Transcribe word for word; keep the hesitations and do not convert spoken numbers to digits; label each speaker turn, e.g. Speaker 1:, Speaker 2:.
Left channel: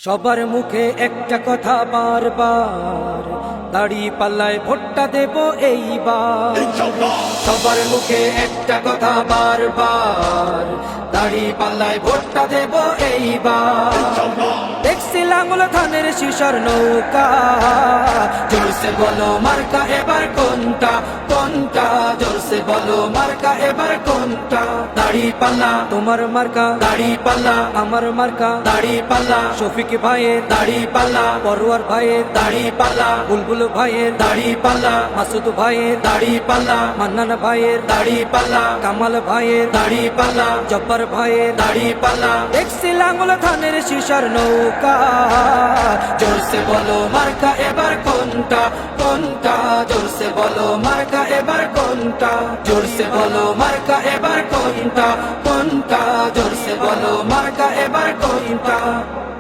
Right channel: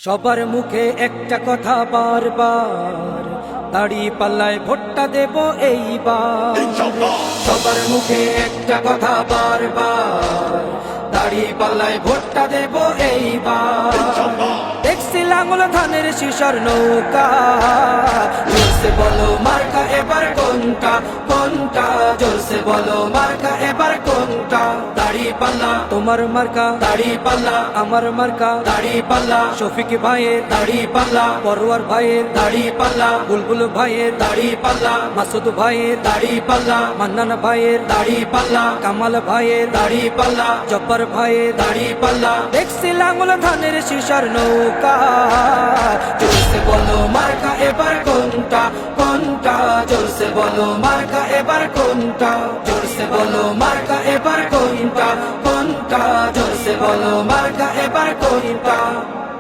Speaker 1: সবার মুখে একটা কথা বারবার, দাড়ি পাল্লায় ভোটটা দেব এইবার। সবার মুখে একটা কথা বারবার, দাড়ি পাল্লায় ভোটটা দেব এইবার। দেখছি লাঙ্গল ধানের শিশর নৌকা, জোরসে বলো মার্কা এবার কোনটা কোনটা, জোরসে বলো মার্কা এবার কোনটা। দাড়ি পাল্লা তোমার মার্কা, দাড়ি পাল্লা আমার মার্কা, দাড়ি পাল্লা শফিক ভাইয়ের দাড়ি পাল্লা, পরোয়ার ভাইয়ের দাড়ি পাল্লা, বুলবুল ভাইয়ের দাড়ি পাল্লা, মাসুদ ভাইয়ের দাড়ি পাল্লা, মান্নান ভাইয়ের দাড়ি পাল্লা, কামাল ভাইয়ের দাড়ি পাল্লা, জব্বার ভাইয়ের দাড়ি পাল্লা। দেখছি লাঙ্গল ধানের শিশর নৌকা, জোরসে বলো মার্কা এবার কোনটা কোনটা, জোরসে বলো মার্কা এবার কোনটা, জোরসে বলো মার্কা এবার কোনটা কোনটা, জোরসে বলো মার্কা এবার কোনটা।